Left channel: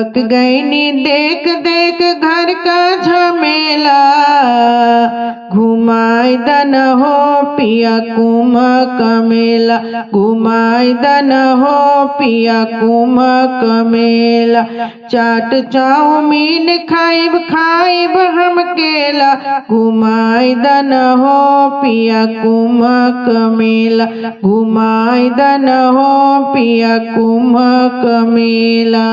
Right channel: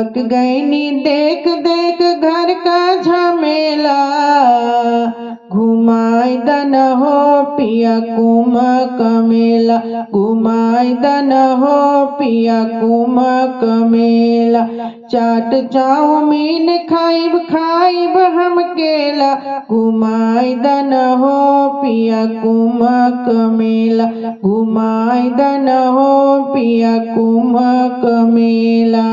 थक गई नी देख देख घर का झमेला, घुमाई दन हो पिया कुमक मेला, घुमाई दन हो पिया कुमक मेला। चाट चाउमीन खाइब खाइब हम केला, घुमाई दन हो पिया कुमक मेला, घुमाई दन हो पिया कुमक मेला।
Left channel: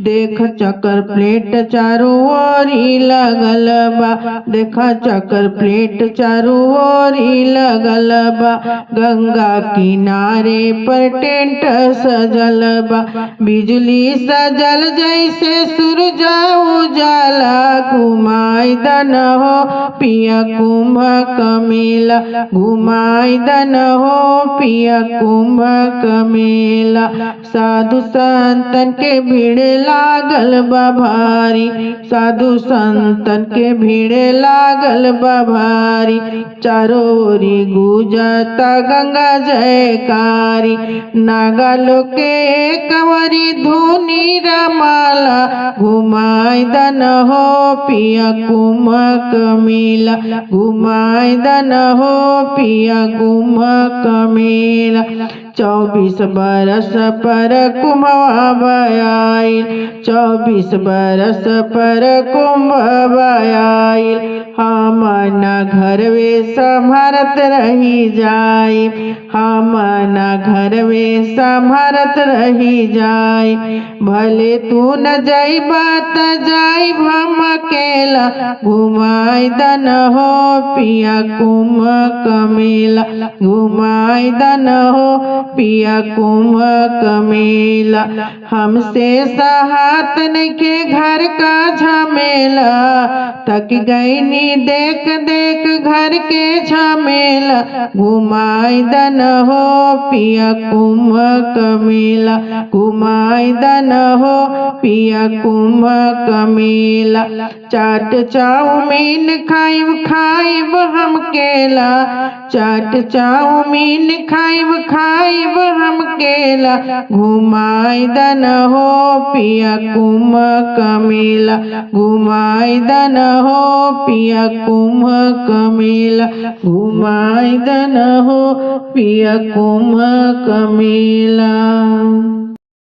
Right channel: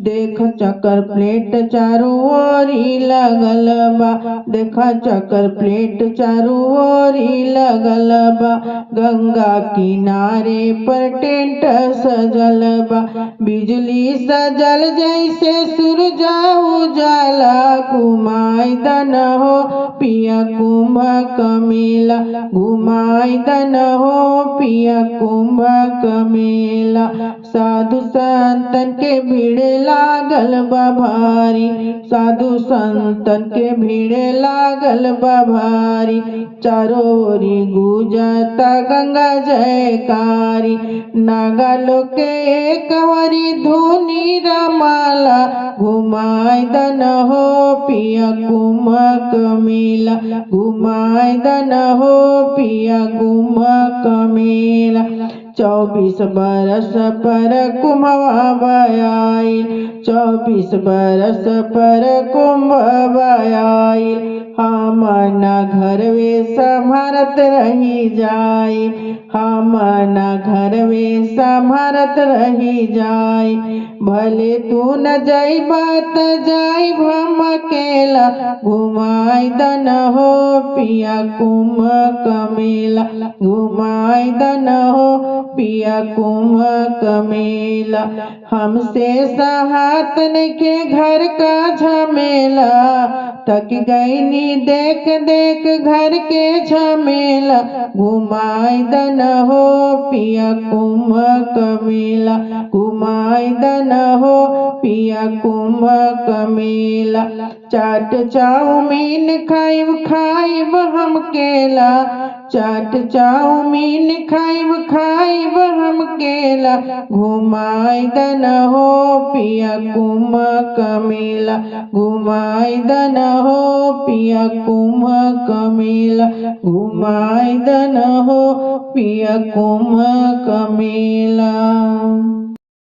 देख चक्कर प्लेट चारों ओरी लगल बा, देखा चक्कर प्लेट चारों ओरी लगल बा। गंगा किनारे पर टेंट सजल बा, बिजली सजल जैसे सूरज उजाला, घुमाई दन हो पिया कुमक मेला, घुमाई दन हो पिया कुमक मेला। साधु संतन के भीड़ लागल बा भारी, साधु संतन के भीड़ लागल बा भारी। चारों ओरी गूंजता गंगा जयकारी, नागा लोग के कंवरी धुनी रमाला, घुमाई दन हो पिया कुमक मेला, घुमाई दन हो पिया कुमक मेला। 24 बरस पर कुंभ आइल, 24 बरस पर कुंभ आइल। हम न घरवे संभरत रही जाई, हम न घरवे संभरत रही जाई। भले तू न जाइबा त जाइब हम अकेला, घुमाई दन हो पिया कुमक मेला, घुमाई दन हो पिया कुमक मेला। हमसे सहात नइखे घर का झमेला, थक गई नी देख देख घर के झमेला, घुमाई दन हो पिया कुमक मेला, घुमाई दन हो पिया कुमक मेला। चाट चाउमीन खाइब खाइब हम केला, चाट चाउमीन खाइब खाइब हम केला, घुमाई दन हो पिया कुमक मेला, घुमाई दन हो पिया कुमक मेला, घुमाई दन हो पिया कुमक मेला।